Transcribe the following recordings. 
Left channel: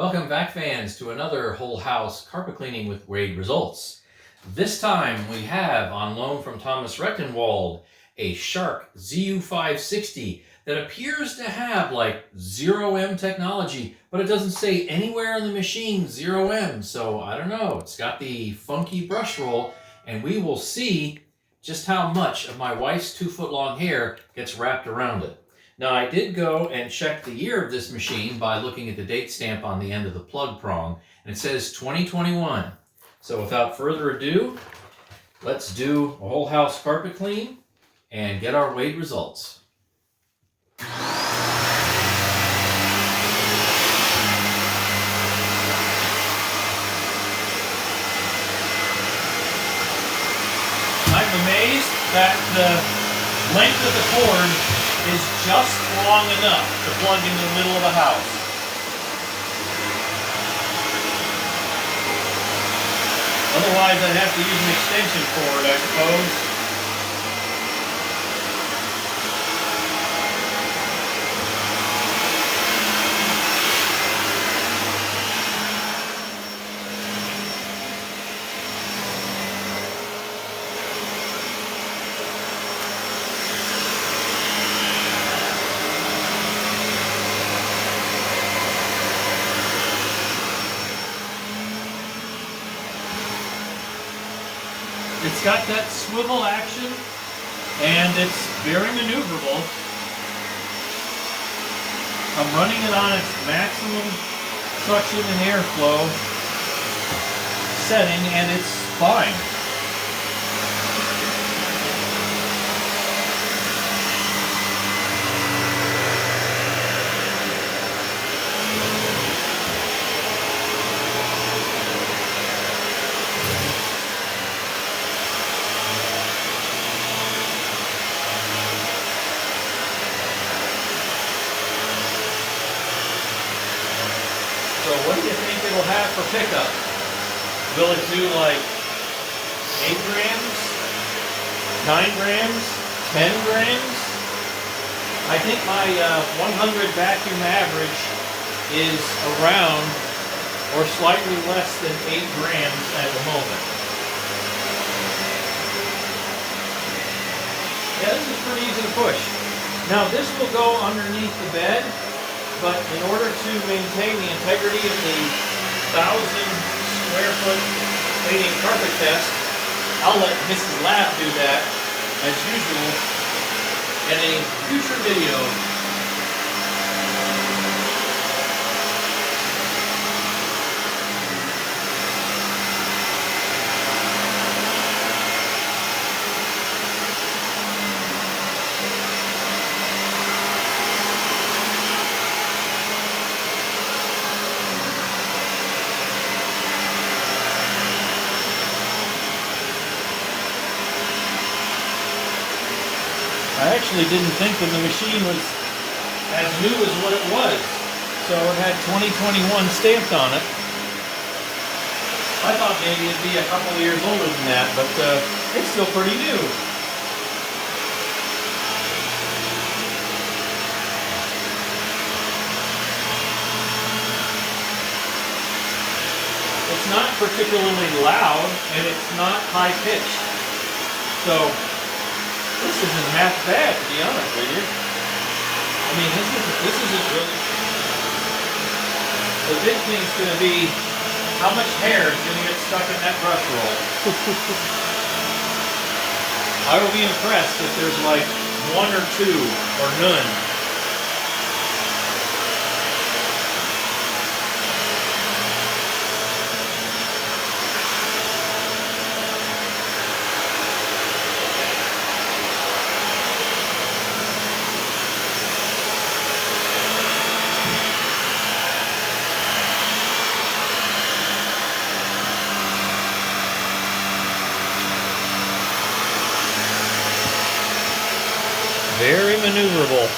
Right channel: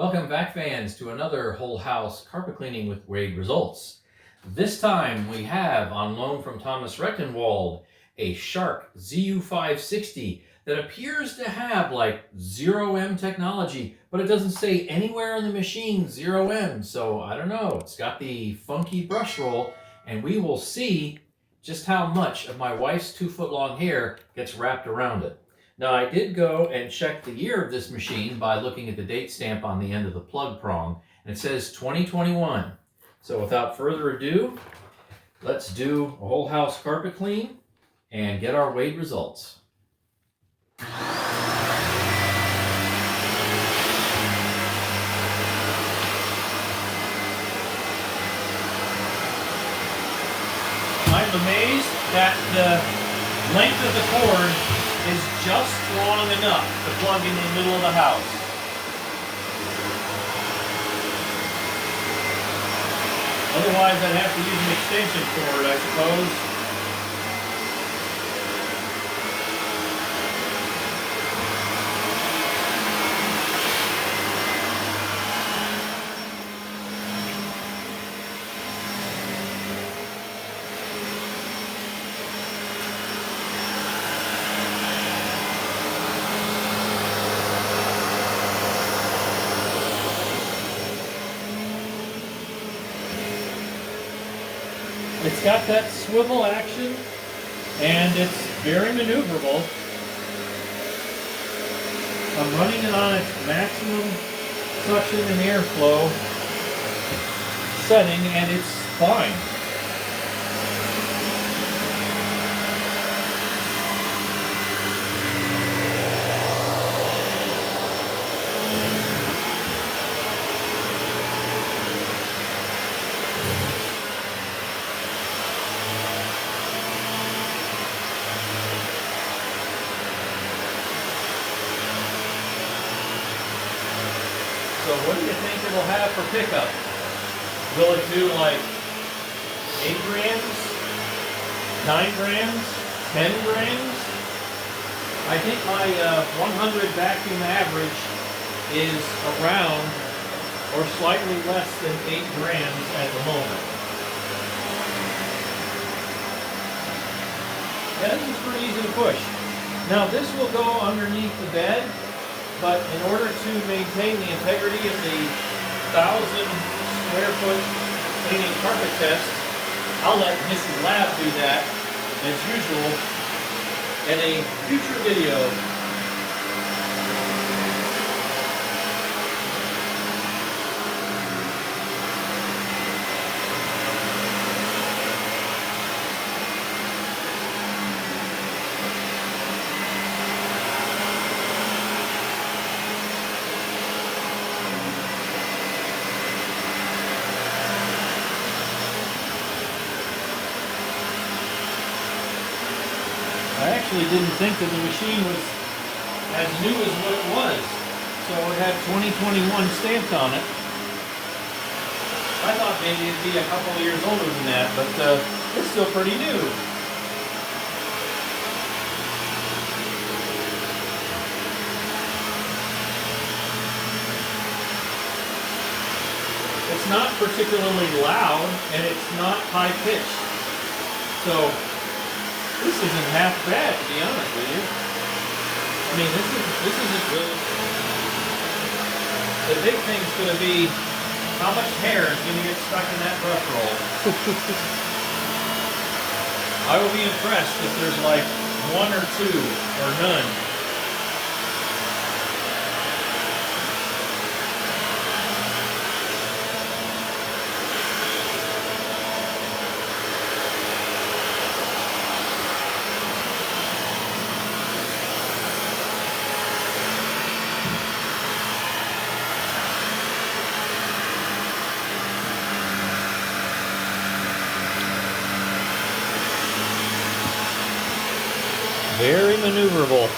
Welcome back, fans, to another whole house carpet cleaning with Wade results. This time we have on loan from Thomas Rechtenwald a Shark ZU560 that appears to have like 0M technology, but it doesn't say anywhere on the machine 0M, so I don't know. It's got the funky brush roll, and we will see just how much of my wife's 2-foot-long hair gets wrapped around it. Now, I did go and check the year of this machine by looking at the date stamp on the end of the plug prong, and it says 2021. So without further ado, let's do a whole house carpet clean and get our Wade results. I'm amazed that the length of the cord is just long enough to plug into the middle of the house. Otherwise, I'd have to use an extension cord, I suppose. It's got that swivel action, and it's very maneuverable. I'm running it on its maximum suction and airflow setting, and it's fine. So what do you think it will have for pickup? Will it do like 8 grams, 9 grams, 10 grams? I think my 100 vacuum average is around or slightly less than 8 grams at the moment. Yeah, this is pretty easy to push. Now this will go underneath the bed. But in order to maintain the integrity of the 1,000 square foot cleaning carpet test, I'll let Mrs. Lab do that, as usual, in a future video. I actually didn't think that the machine was as new as what it was. So it had 2021 stamped on it. I thought maybe it'd be a couple of years older than that, but it's still pretty new. It's not particularly loud, and it's not high pitched. So this isn't half bad, to be honest with you. I mean, this isn't really. The big thing's going to be how much hair is going to get stuck in that brush roll. I will be impressed if there's like 1 or 2 or none. Very maneuverable.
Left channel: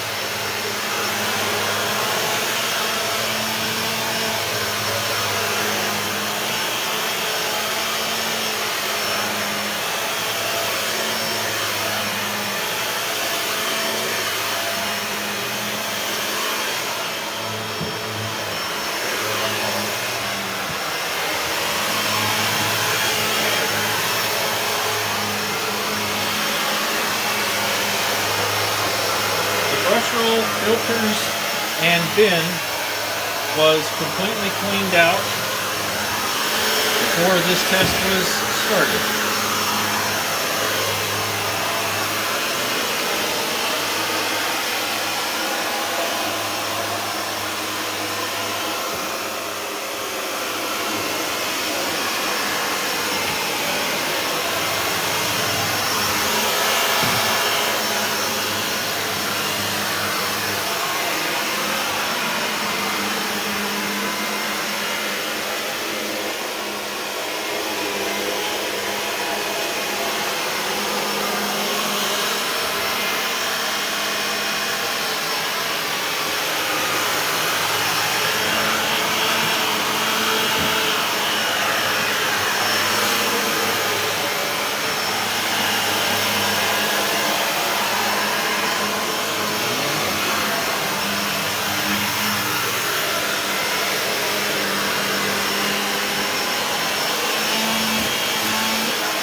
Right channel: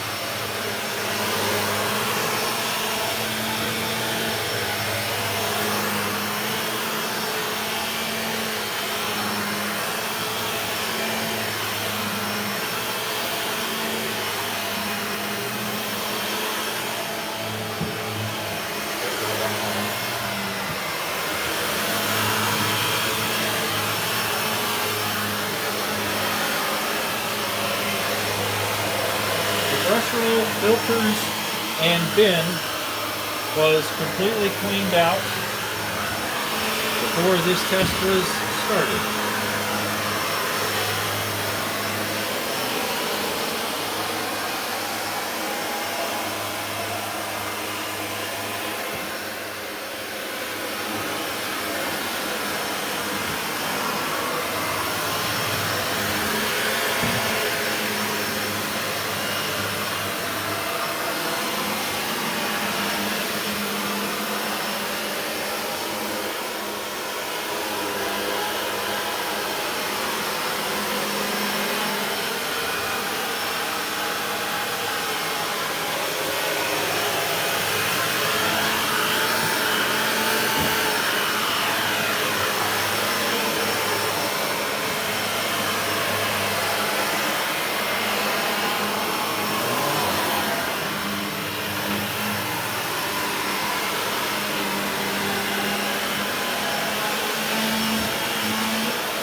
filters and bin was completely cleaned out before this test was started.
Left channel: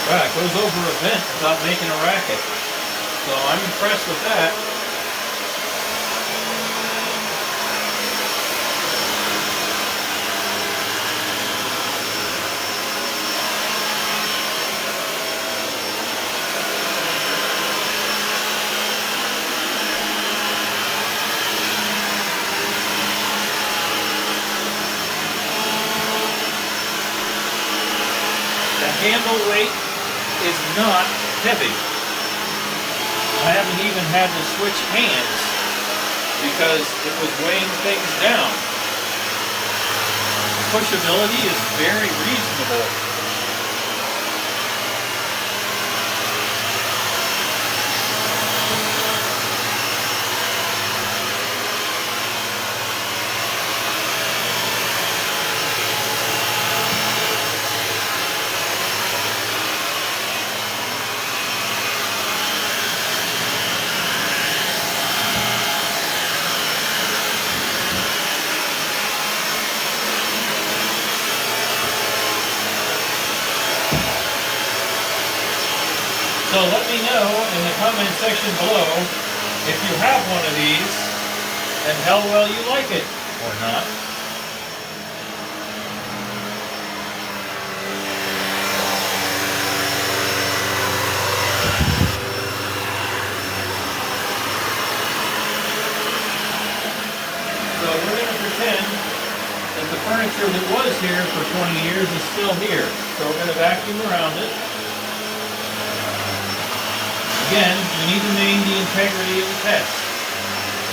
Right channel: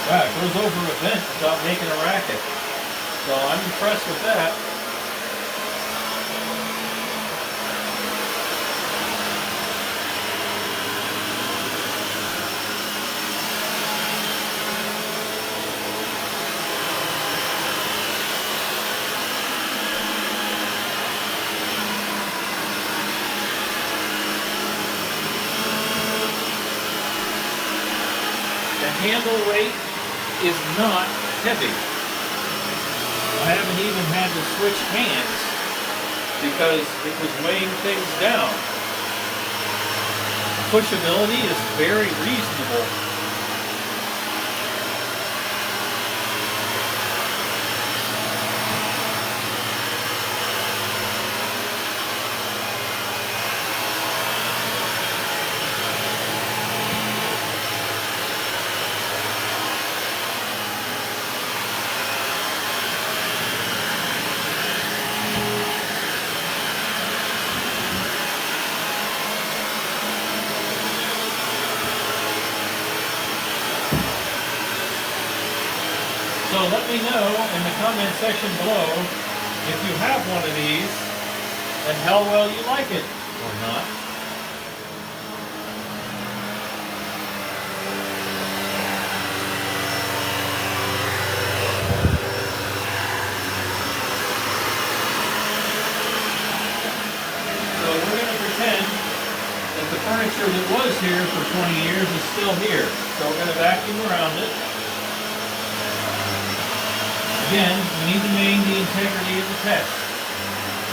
Wow, it goes over a vent without making a racket. So I'm impressed with that. The handle weight is not heavy. I haven't even had to switch hands because it was weighing things down. Pushability is very reasonable. So let me know in the comment section below if you have one of these and how well you like it or not. So we're going to pretend that the furniture that was here for 20 years is still here. So we're going to vacuum around it. Again, we need to maintain the integrity of the test,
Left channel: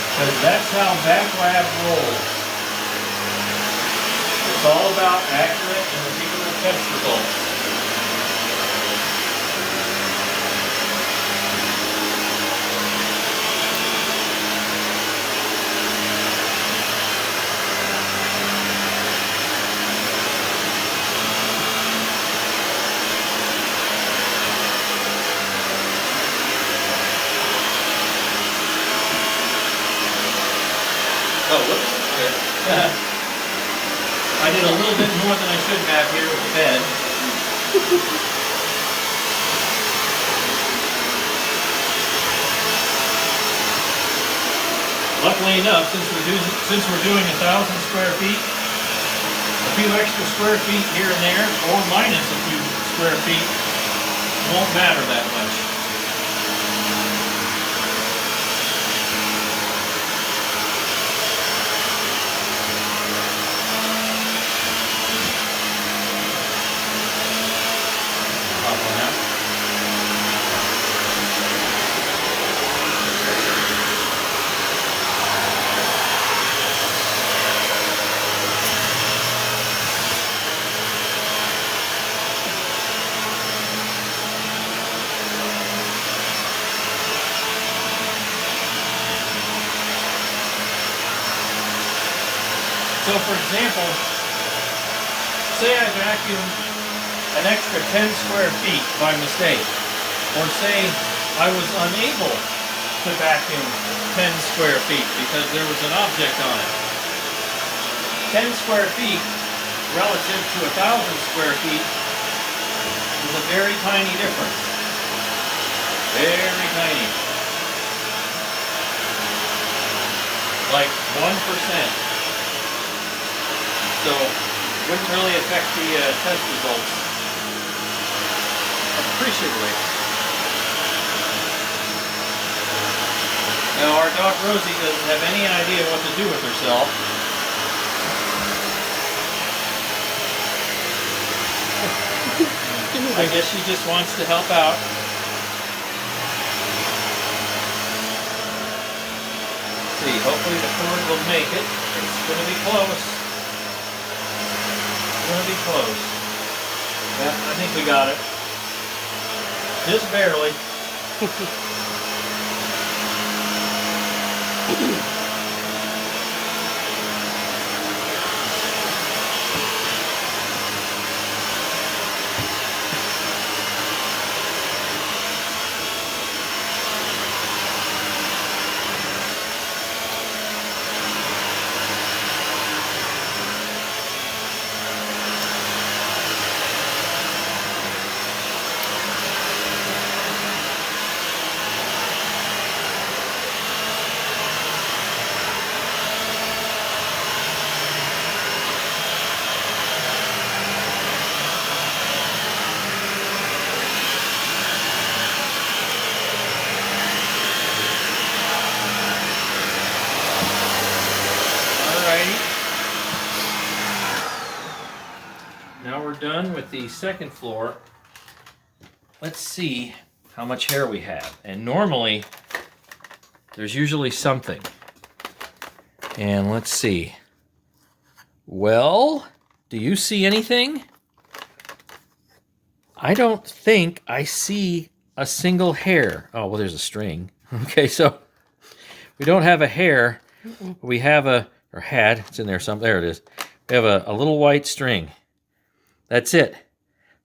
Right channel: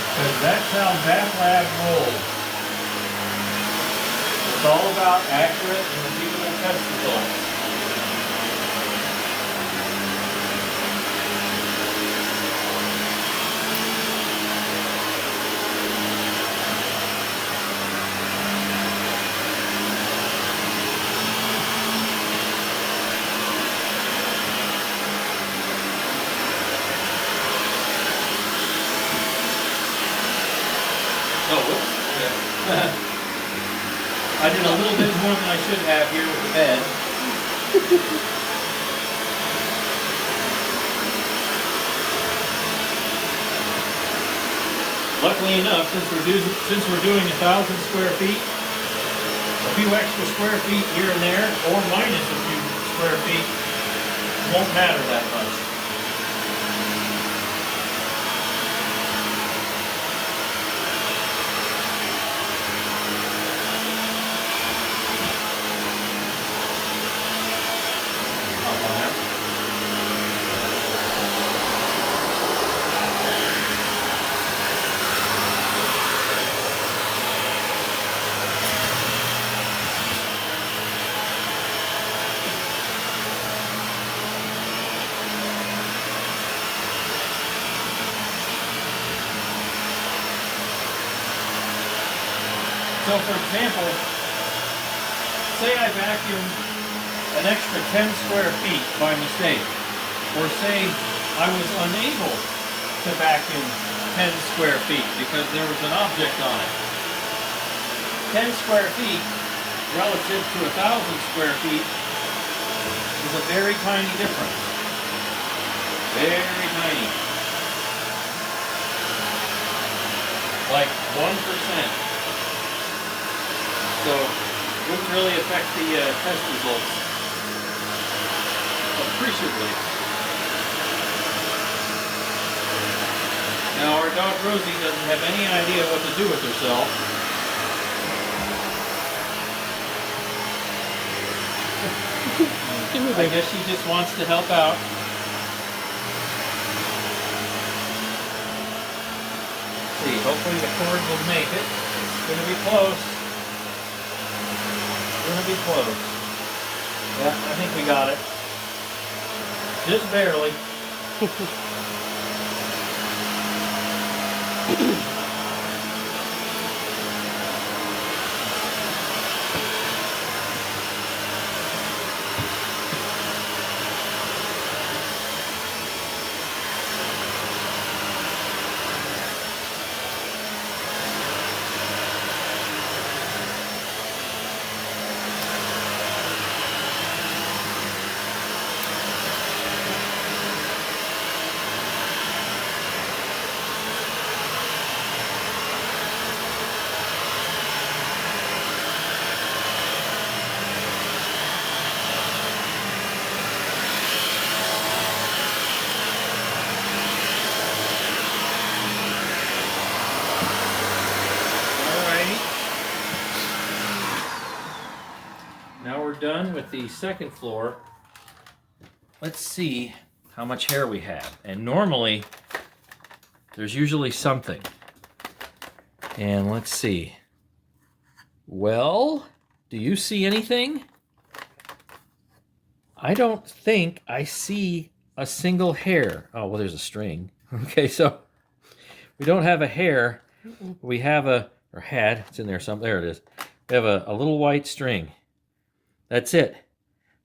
because that's how back lab rolls. It's all about accurate and repeatable test results. Oh, whoops. Yeah. I did a little bit more than I should have here with the bed. Luckily enough, since we're doing 1,000 square feet, a few extra square feet here and there, or minus a few square feet, won't matter that much. So for example, say I vacuumed an extra 10 square feet by mistake, or say I was unable to vacuum 10 square feet because there was an object on it. 10 square feet relative to 1,000 square feet is a very tiny difference. Very tiny. like 1%. So wouldn't really affect the test results appreciably. Now our dog Rosie doesn't have any idea what to do with herself. I guess she just wants to help out. Let's see, hopefully the cord will make it. It's going to be close. It's going to be close. Yeah, I think we got it. Just barely. Now we're done with the second floor. Let's see how much hair we have. And normally, there's usually something. And let's see. Well, do you see anything? I don't think I see a single hair. Oh, well, there's a string. Okay, so we don't have a hair. We have a, or had, it's in there somewhere. There it is. We have a little white string. That's it.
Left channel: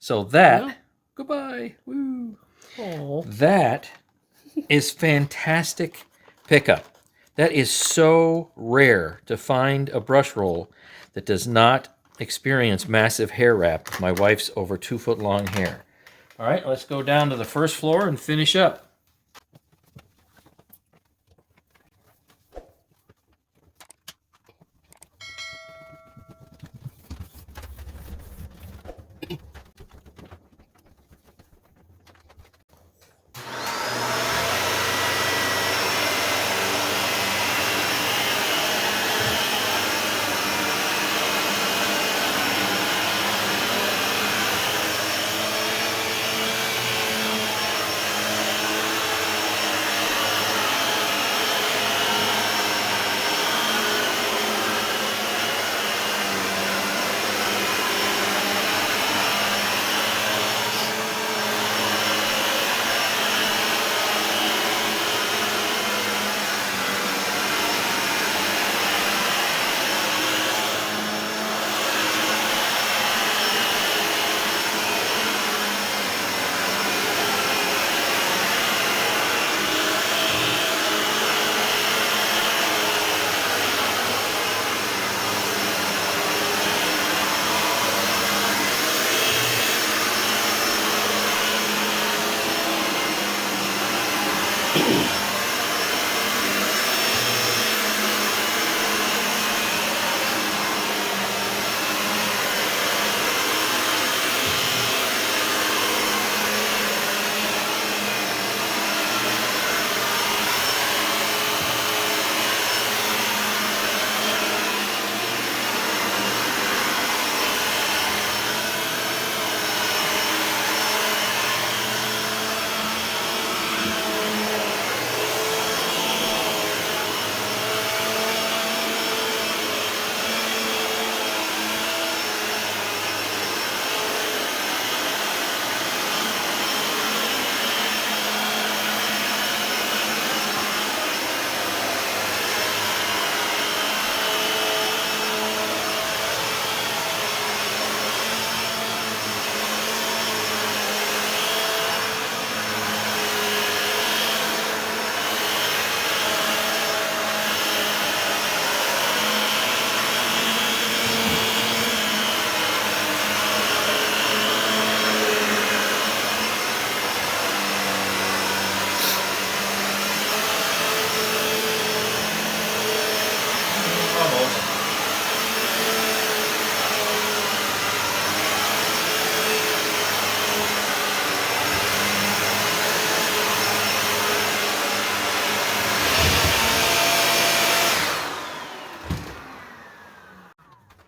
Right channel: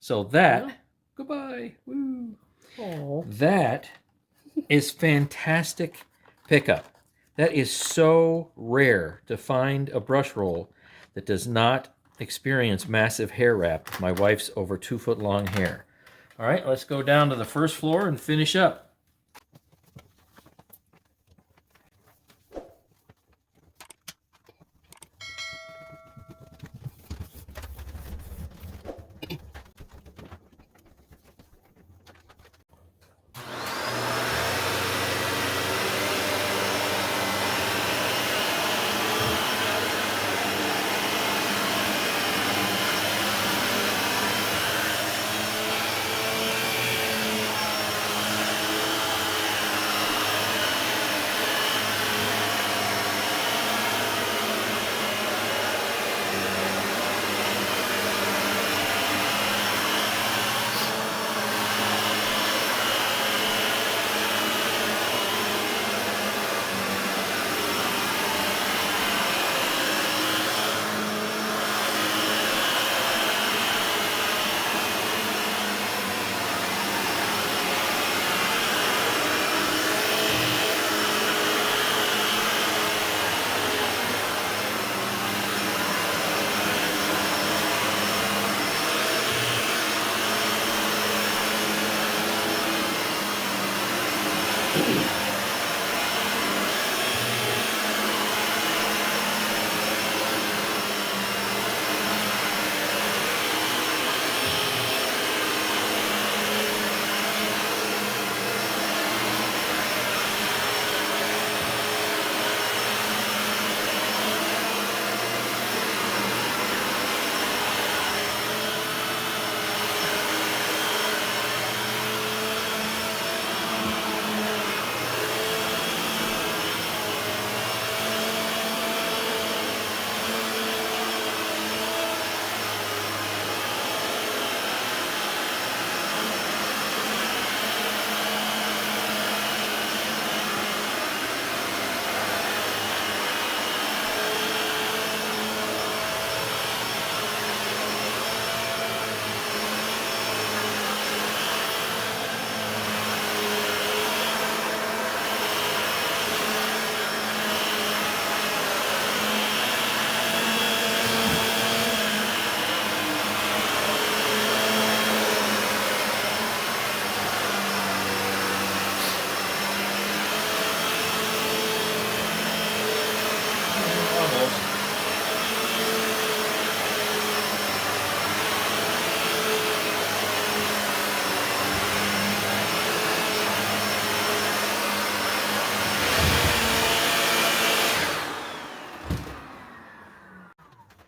So that, goodbye, woo. Aww. That is fantastic pickup. That is so rare to find a brush roll that does not experience massive hair wrap with my wife's over 2 foot long hair. All right, let's go down to the first floor and finish up.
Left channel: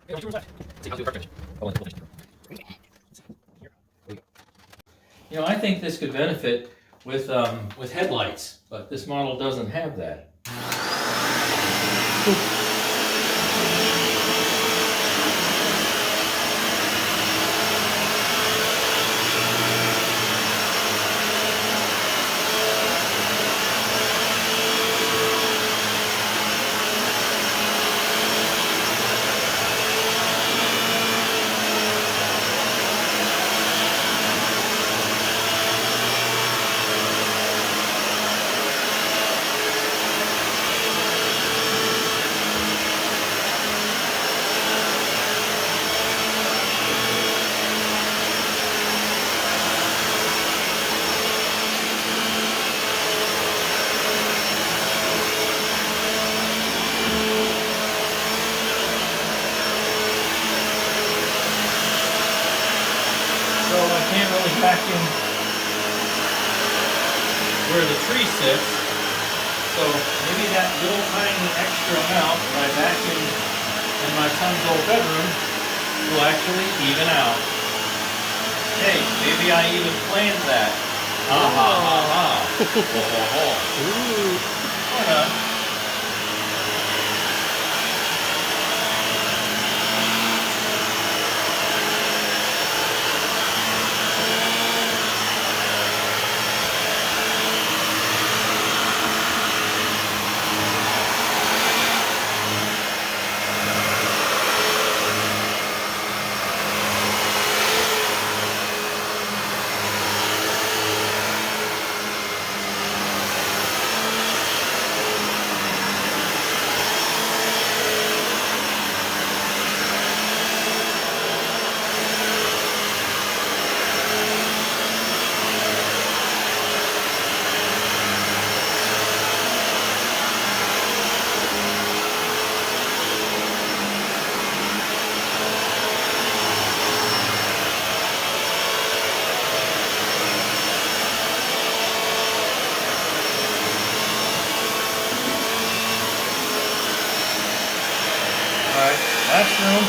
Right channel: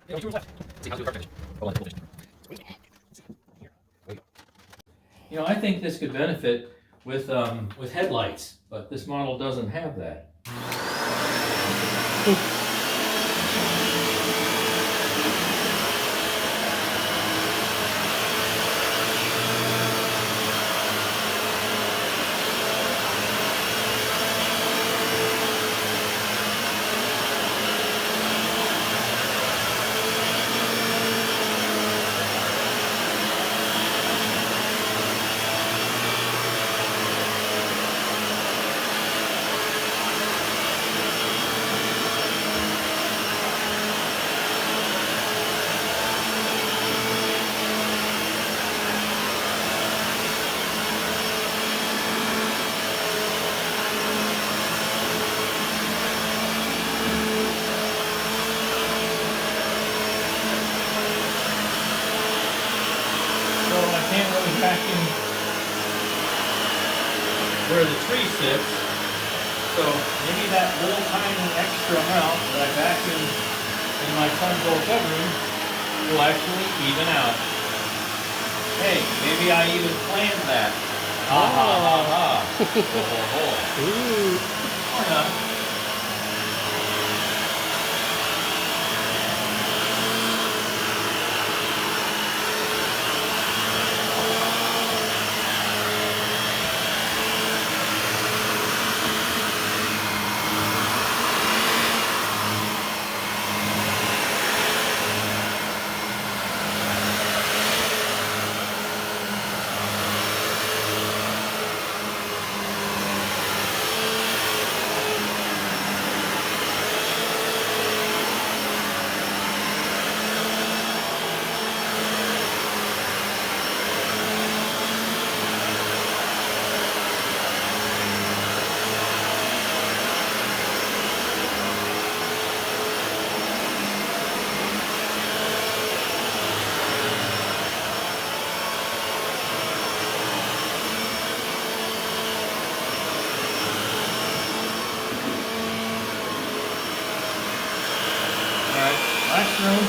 You know, I think this could benefit with headlights, but this model doesn't have that. Vacuum where the tree sits, so maybe that little tiny extra amount that I vacuumed in my son's old bedroom will actually even out. Hey, maybe I even planned that. Ha ha ha ha. Or not. Last room.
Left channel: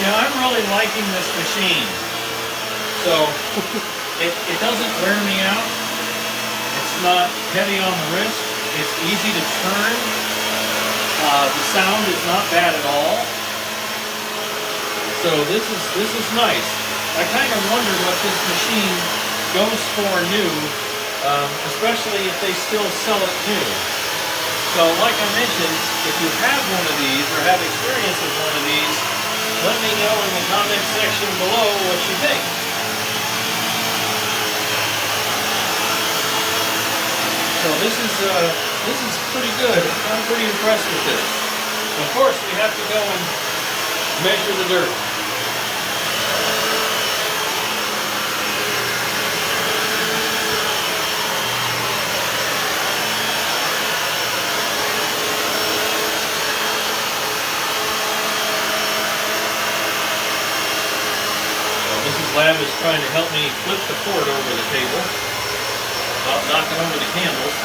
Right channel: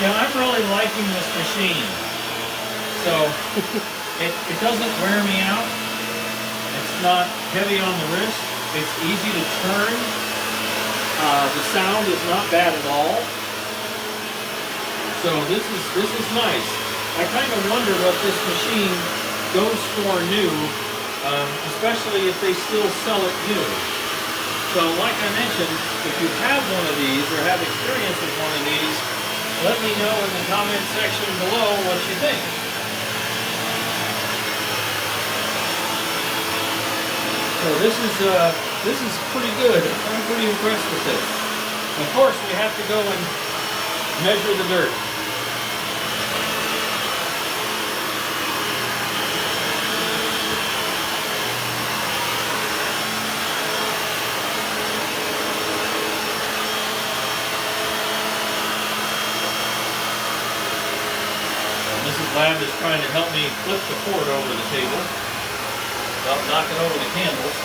Yeah, I'm really liking this machine. So it doesn't wear me out. It's not heavy on the wrist. It's easy to turn. The sound is not bad at all. So this is nice. I kind of wonder what this machine goes for new, especially if they still sell it new. So like I mentioned, if you have one of these or have experience with one of these, let me know in the comment section below what you think. So this is pretty good. I'm pretty impressed with this. Of course, we have to go and measure the dirt. Lab is trying to help me flip the cord over the table without knocking over the candles.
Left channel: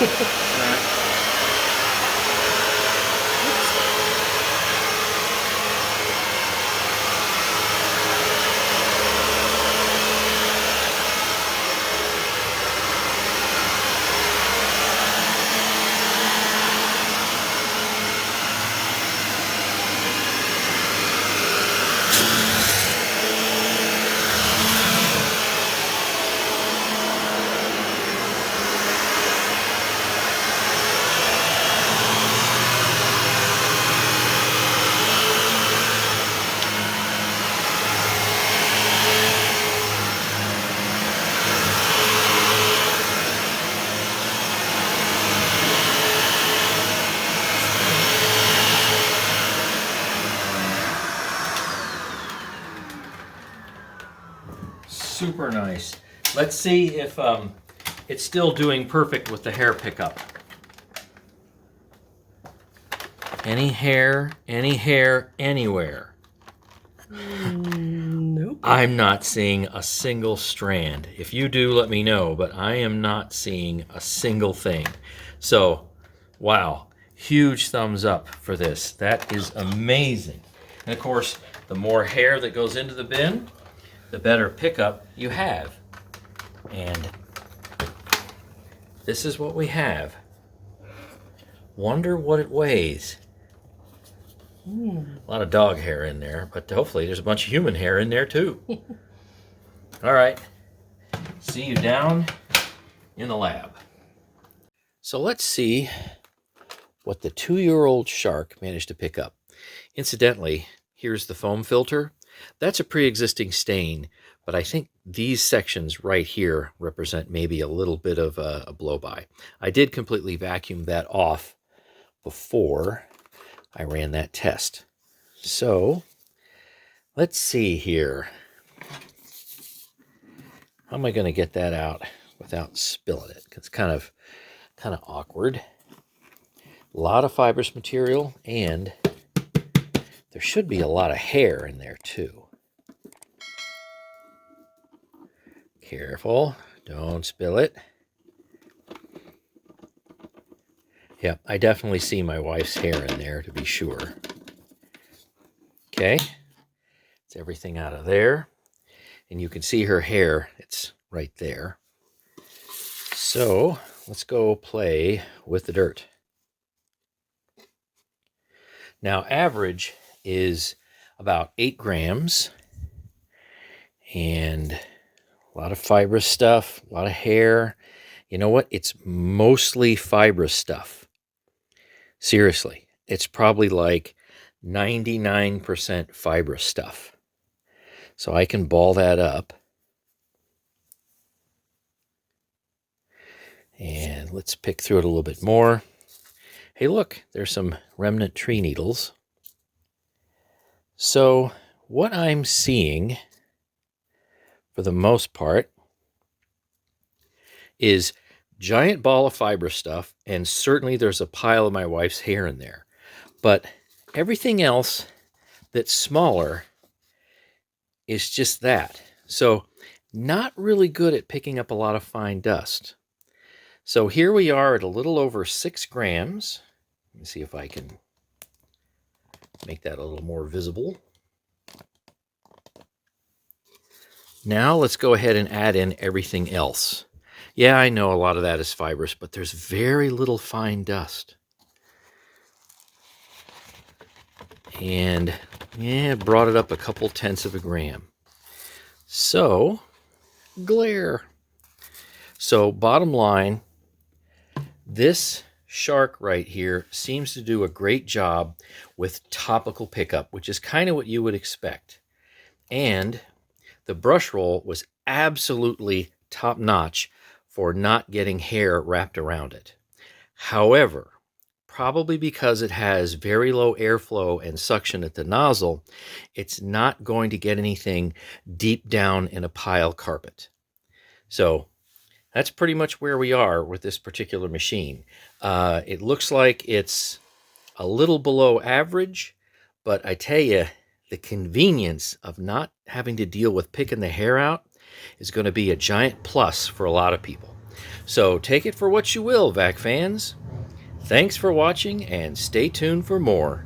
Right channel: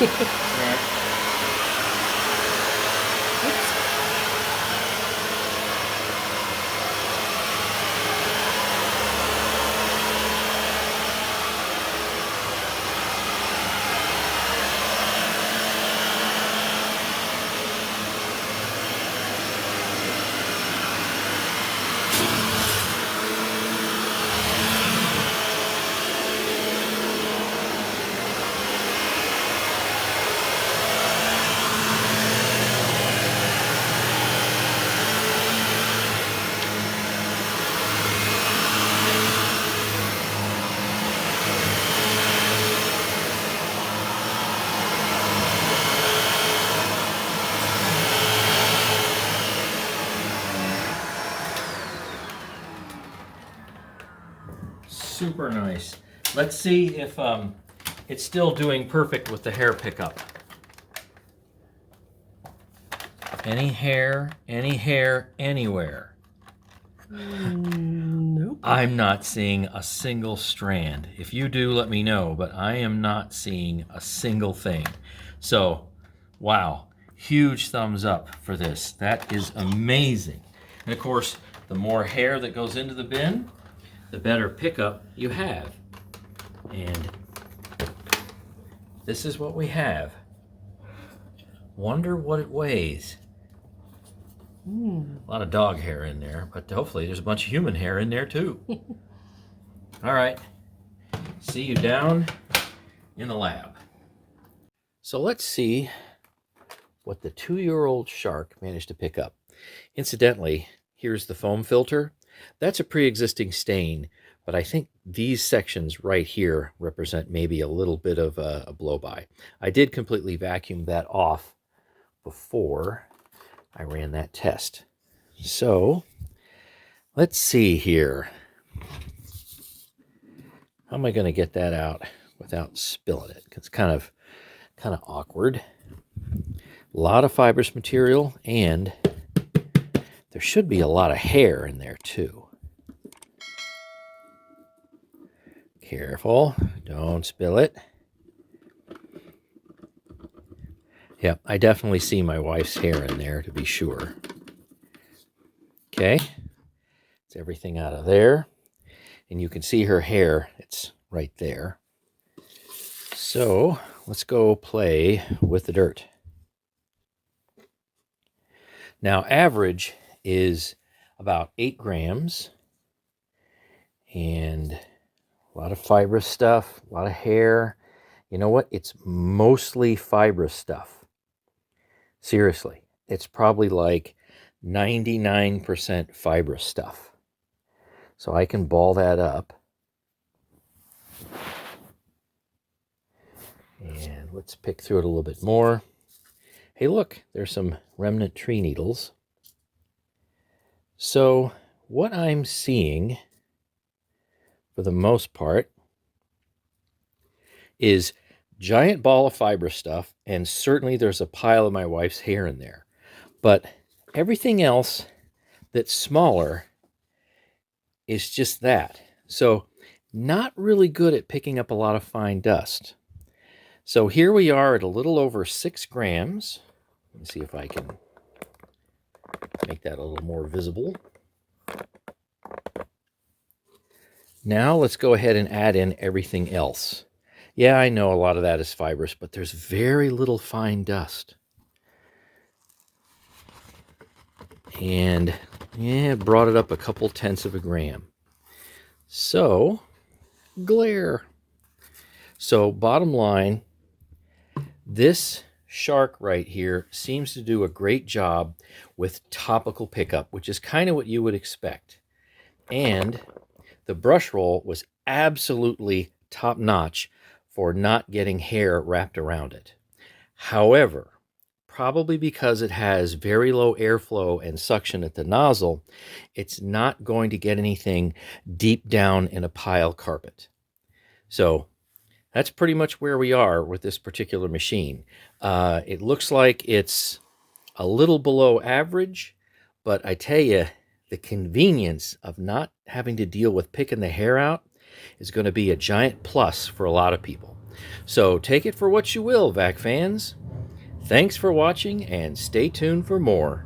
Right. Super nice. Let's see if it's still doing perfect with the hair pickup. Any hair anywhere? Nope. Nope. I'm not seeing a single strand. If you do, let me know, but I am not seeing a single thing. So, wow, huge thumbs up for this. That is amazing. And of course, the more hair that goes into the bin, the better pickup you have. And this is what we have. Wonder what it weighs. A lot of dog hair in there, but hopefully there's a bunch of human hair in there too. All right, see you down in the lab. So let's see what the 2-year-old shark managed to pick up. Incidentally, here's the foam filter. That's a pre-existing stain, but I think these sections right here represent maybe a little bit of a blow-by. I did completely vacuum that off before I ran that test. So let's see here. How am I going to get that out without spilling it? It's kind of awkward. A lot of fibrous material, and there should be a lot of hair in there too. Careful, don't spill it. Yeah, I definitely see my wife's hair in there, to be sure. Okay, it's everything out of there. And you can see her hair, it's right there. So let's go play with the dirt. Now, average is about 8 grams. And a lot of fibrous stuff, a lot of hair. You know what? It's mostly fibrous stuff. Seriously, it's probably like 99% fibrous stuff. So I can ball that up. And let's pick through it a little bit more. Hey, look, there's some remnant tree needles. So what I'm seeing, for the most part, is giant ball of fibrous stuff, and certainly there's a pile of my wife's hair in there. But everything else that's smaller is just that. So not really good at picking up a lot of fine dust. So here we are at a little over 6 grams. Let me see if I can make that a little more visible. Now let's go ahead and add in everything else. Yeah, I know a lot of that is fibrous, but there's very little fine dust. And yeah, brought it up a couple tenths of a gram. So, glare. So bottom line, this shark right here seems to do a great job with topical pickup, which is kind of what you would expect. And the brush roll was absolutely top-notch for not getting hair wrapped around it. However, probably because it has very low airflow and suction at the nozzle, it's not going to get anything deep down in a pile carpet. So that's pretty much where we are with this particular machine. It looks like it's a little below average, but I tell you, the convenience of not having to deal with picking the hair out is going to be a giant plus for a lot of people. So take it for what you will, vac fans. Thanks for watching, and stay tuned for more.